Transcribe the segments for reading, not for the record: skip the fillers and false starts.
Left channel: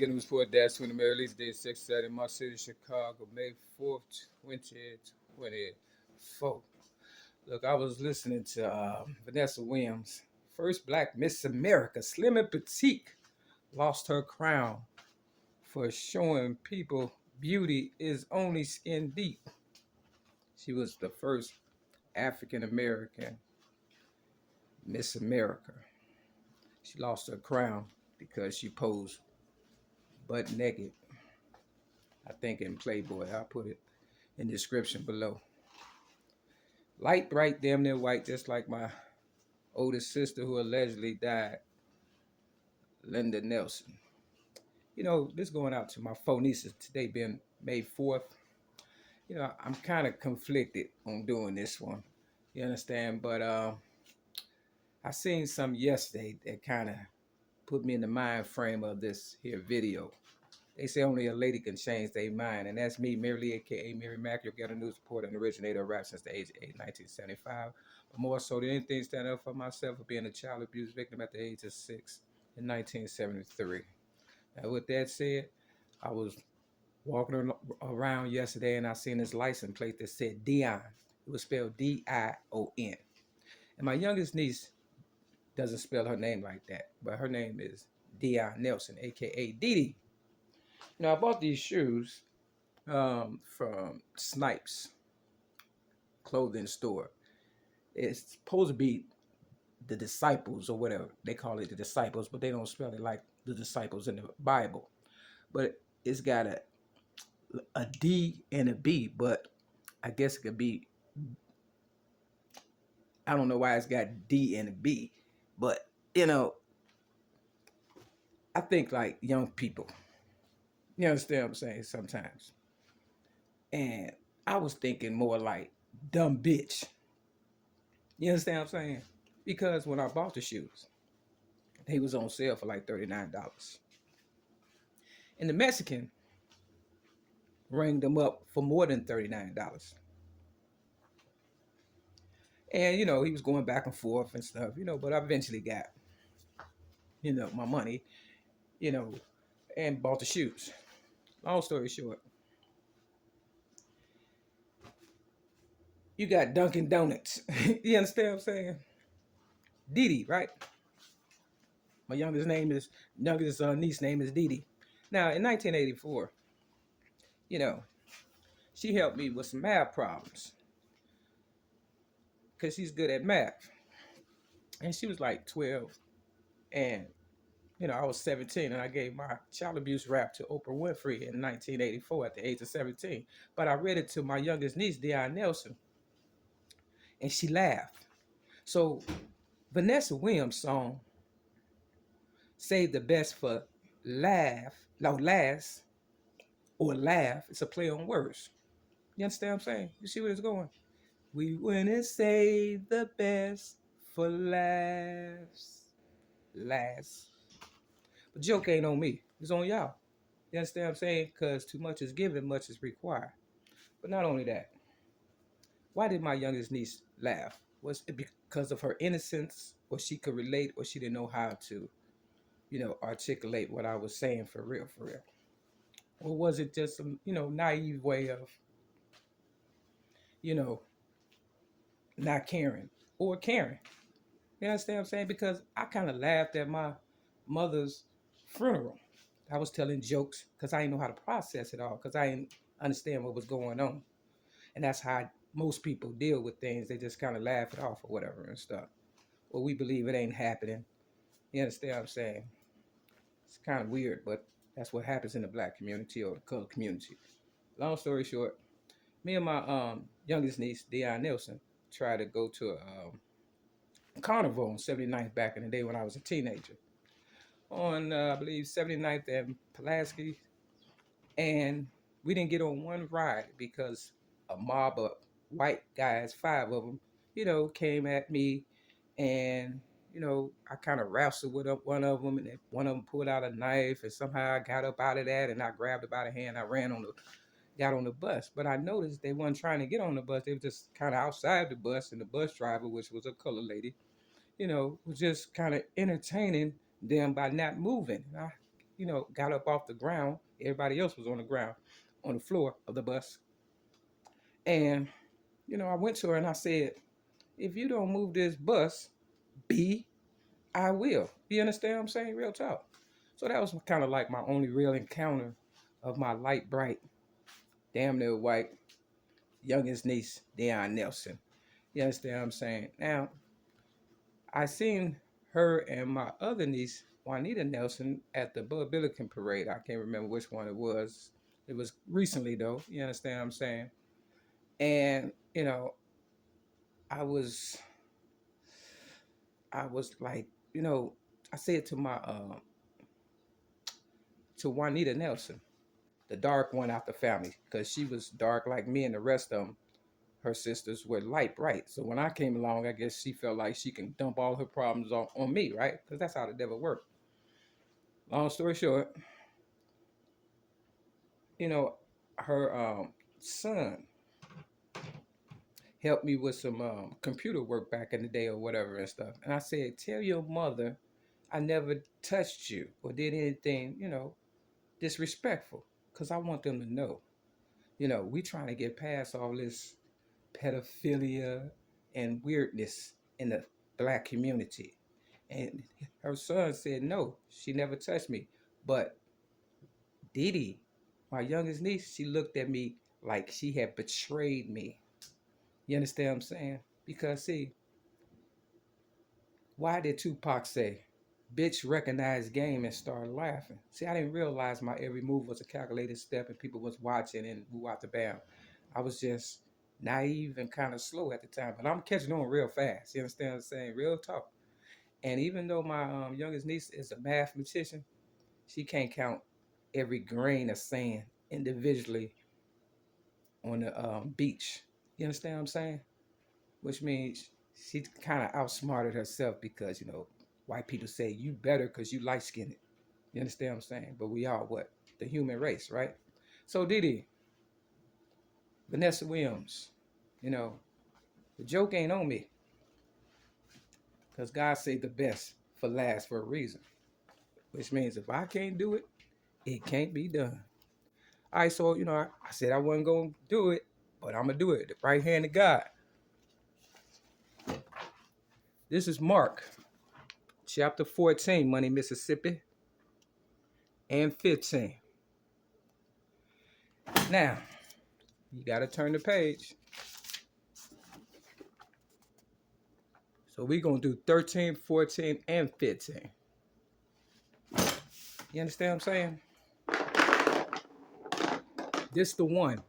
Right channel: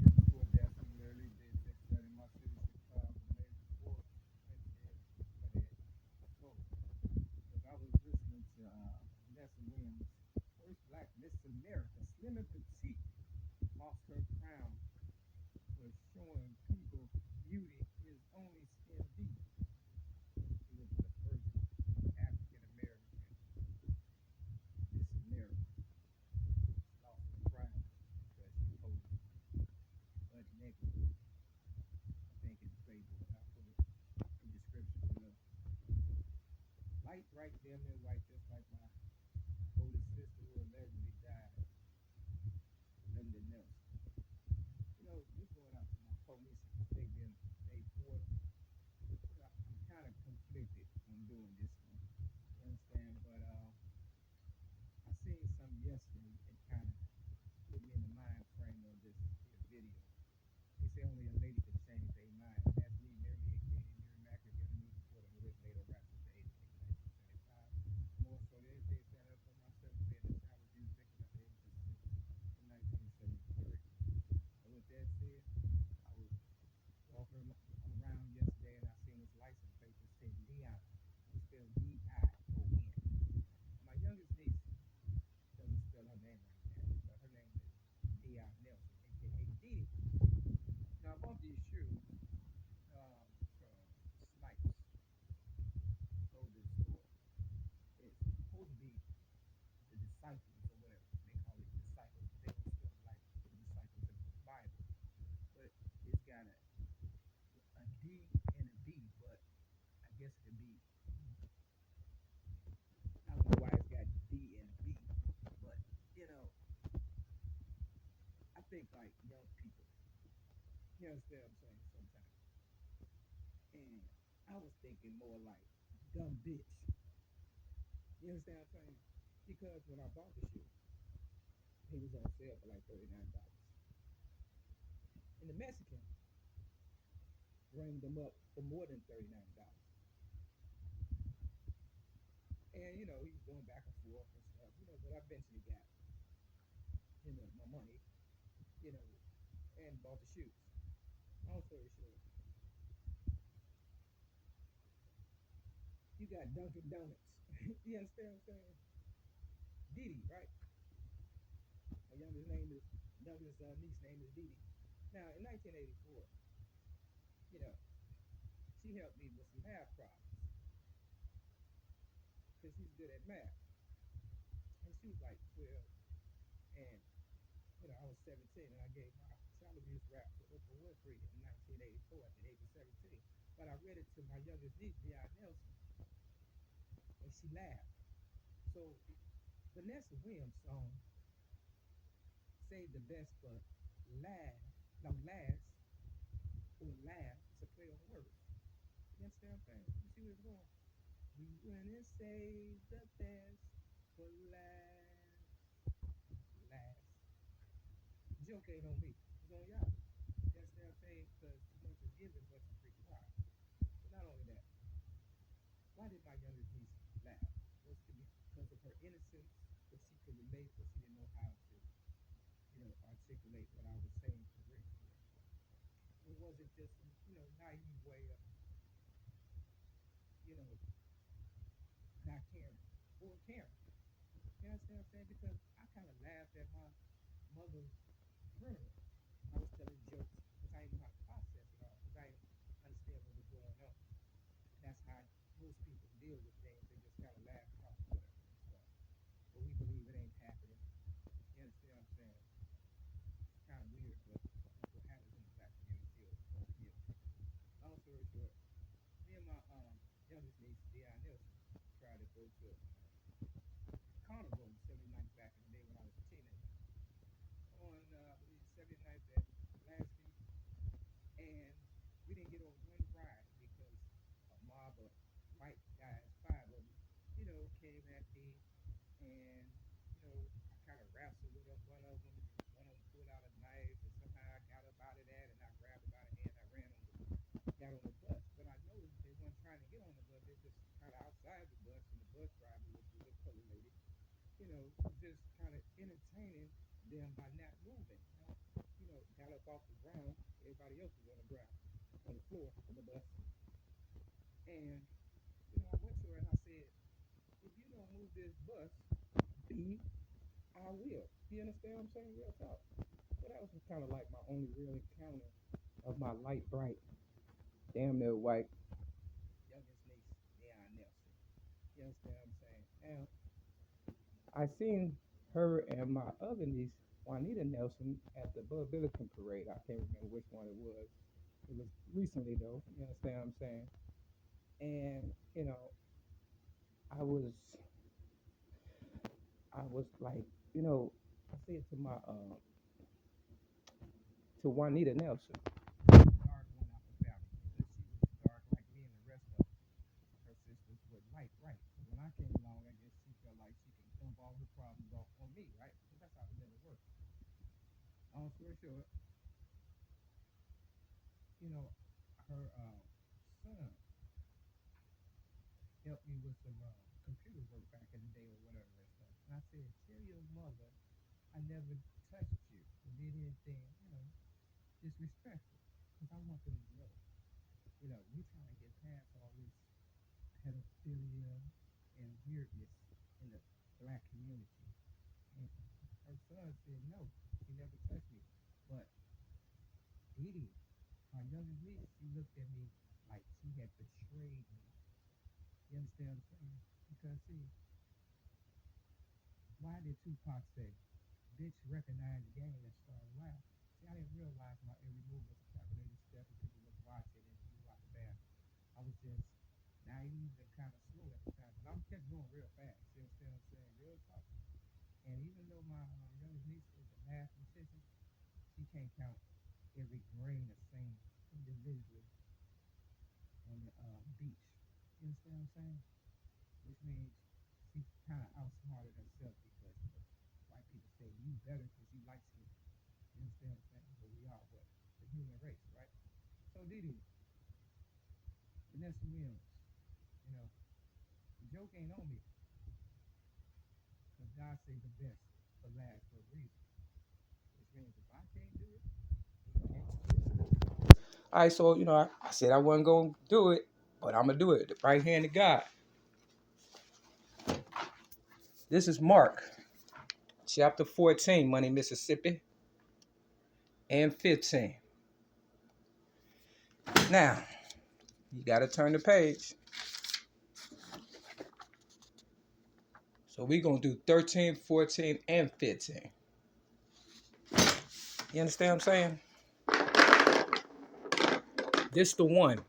Getting report that's when the mayor released day 6 in my city, Chicago, May 4th, 2024. Look, I was listening to Vanessa Williams, first black Miss America, slim and petite, lost her crown for showing people beauty is only skin deep. She was the first African American Miss America. She lost her crown because she posed butt naked. I think in Playboy. I'll put it in the description below. Light bright, damn near white, just like my oldest sister who allegedly died, Linda Nelson. You know, this going out to my four nieces today being May 4th. You know, I'm kind of conflicted on doing this one. You understand? But I seen some yesterday that kind of put me in the mind frame of this here video. They say only a lady can change their mind, and that's me, Mary Lee, aka Mary Mack, your ghetto news reporter and originator of rap since the age of 8, 1975. But more so than anything, stand up for myself for being a child abuse victim at the age of 6 in 1973. Now, with that said, I was walking around yesterday and I seen this license plate that said Dion. It was spelled Dion. And my youngest niece doesn't spell her name like that, but her name is Dion Nelson, aka Dee. Now I bought these shoes from Snipes clothing store. It's supposed to be the disciples or whatever they call it, the disciples, but they don't spell it like the disciples in the Bible. But it's got a D and a B, but I guess it could be. I don't know why it's got D and a B, but you know, I think like young people. You understand what I'm saying? Sometimes, and I was thinking more like dumb bitch. You understand what I'm saying? Because when I bought the shoes, they was on sale for like $39. And the Mexican rang them up for more than $39. And you know, he was going back and forth and stuff, you know, but I eventually got, you know, my money, you know, and bought the shoes. Long story short, you got Dunkin' Donuts. You understand what I'm saying? Didi, right? My youngest niece name is Didi. Now in 1984, you know, she helped me with some math problems because she's good at math. And she was like 12, and you know, I was 17, and I gave my child abuse rap to Oprah Winfrey in 1984 at the age of 17. But I read it to my youngest niece, Dion Nelson, and she laughed. So Vanessa Williams' song "Save the Best for Laugh," no last or laugh. It's a play on words. You understand what I'm saying? You see where it's going? We went and save the best for laughs. Last. But joke ain't on me. It's on y'all. You understand what I'm saying? Because too much is given, much is required. But not only that, why did my youngest niece laugh? Was it because of her innocence, or she could relate, or she didn't know how to, you know, articulate what I was saying for real, for real? Or was it just some, you know, naive way of, you know, not caring or caring? You understand what I'm saying? Because I kind of laughed at my mother's funeral. I was telling jokes because I didn't know how to process it all because I didn't understand what was going on. And that's how most people deal with things. They just kind of laugh it off or whatever and stuff. Well, we believe it ain't happening. You understand what I'm saying? It's kind of weird, but that's what happens in the black community or the colored community. Long story short, me and my youngest niece, Dion Nelson, tried to go to a carnival on 79th back in the day when I was a teenager. On, I believe, 79th and Pulaski. And we didn't get on one ride because a mob of white guys, 5 of them, you know, came at me, and you know, I kind of wrestled with one of them, and one of them pulled out a knife, and somehow I got up out of that, and I grabbed her by the hand. I got on the bus, but I noticed they weren't trying to get on the bus. They were just kind of outside the bus, and the bus driver, which was a colored lady, you know, was just kind of entertaining them by not moving. got up off the ground. Everybody else was on the ground, on the floor of the bus. And, I went to her and I said, if you don't move this bus, B, I will. You understand what I'm saying? Real talk. So that was kind of like my only real encounter of my light, bright, damn near white, youngest niece, Deion Nelson. You understand what I'm saying? Now, I seen her and my other niece, Juanita Nelson, at the Bud Billiken parade. I can't remember which one it was. It was recently though. You understand what I'm saying? And I was, I was like, I said to my to Juanita Nelson, the dark one out the family, because she was dark like me and the rest of them. Her sisters were light bright. So when I came along, I guess she felt like she can dump all her problems on me, right? Because that's how the devil worked. Long story short, you know, her son helped me with some computer work back in the day or whatever and stuff. And I said, tell your mother I never touched you or did anything, disrespectful. Because I want them to know, we trying to get past all this pedophilia and weirdness in the black community. And her son said, no, she never touched me. But Didi, my youngest niece, she looked at me like she had betrayed me. You understand what I'm saying? Because, see, why did Tupac say, bitch recognized game and started laughing? See, I didn't realize my every move was a calculated step and people was watching and who out the bound. I was just naive and kind of slow at the time, but I'm catching on real fast. You understand what I'm saying? Real talk. And even though my youngest niece is a mathematician, she can't count every grain of sand individually on the beach. You understand what I'm saying? Which means she kind of outsmarted herself because, white people say you better because you light skinned. You understand what I'm saying? But we are what? The human race, right? So Didi, Vanessa Williams, the joke ain't on me because God saved the best for last for a reason. Which means if I can't do it, it can't be done. All right, so, I said I wasn't going to do it, but I'm going to do it. The right hand of God. This is Mark, chapter 14, Money, Mississippi, and 15. Now, you got to turn the page. So we're going to do 13, 14, and 15. You understand what I'm saying? This the one.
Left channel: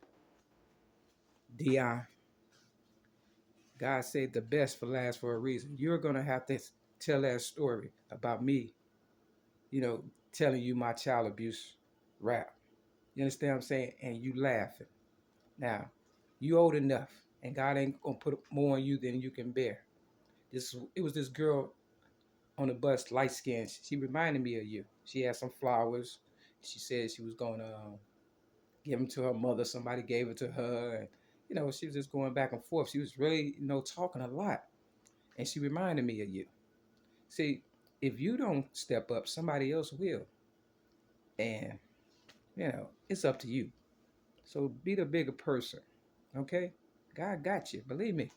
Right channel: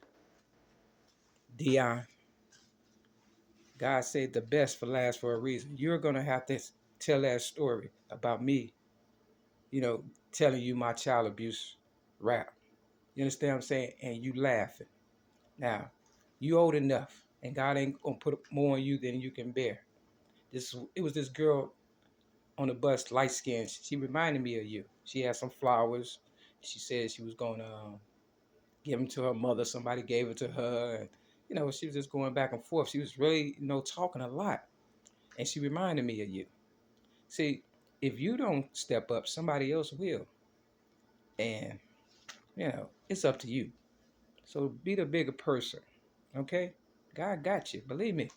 Dion. God saved the best for last for a reason. You're going to have to tell that story about me, telling you my child abuse rap. You understand what I'm saying? And you laughing. Now, you old enough, and God ain't going to put more on you than you can bear. It was this girl on the bus, light skinned. She reminded me of you. She had some flowers. She said she was going to give them to her mother. Somebody gave it to her. And, she was just going back and forth. She was really, talking a lot. And she reminded me of you. See, if you don't step up, somebody else will. And, it's up to you. So be the bigger person. Okay? God got you. Believe me.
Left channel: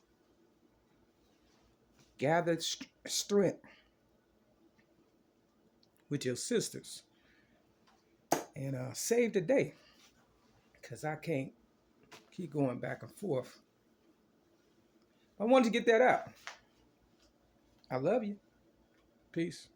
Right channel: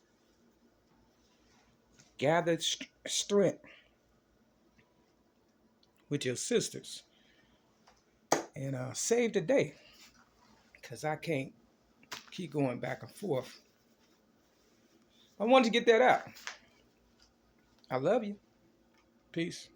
Gather strength with your sisters and save the day, because I can't keep going back and forth. I wanted to get that out. I love you. Peace.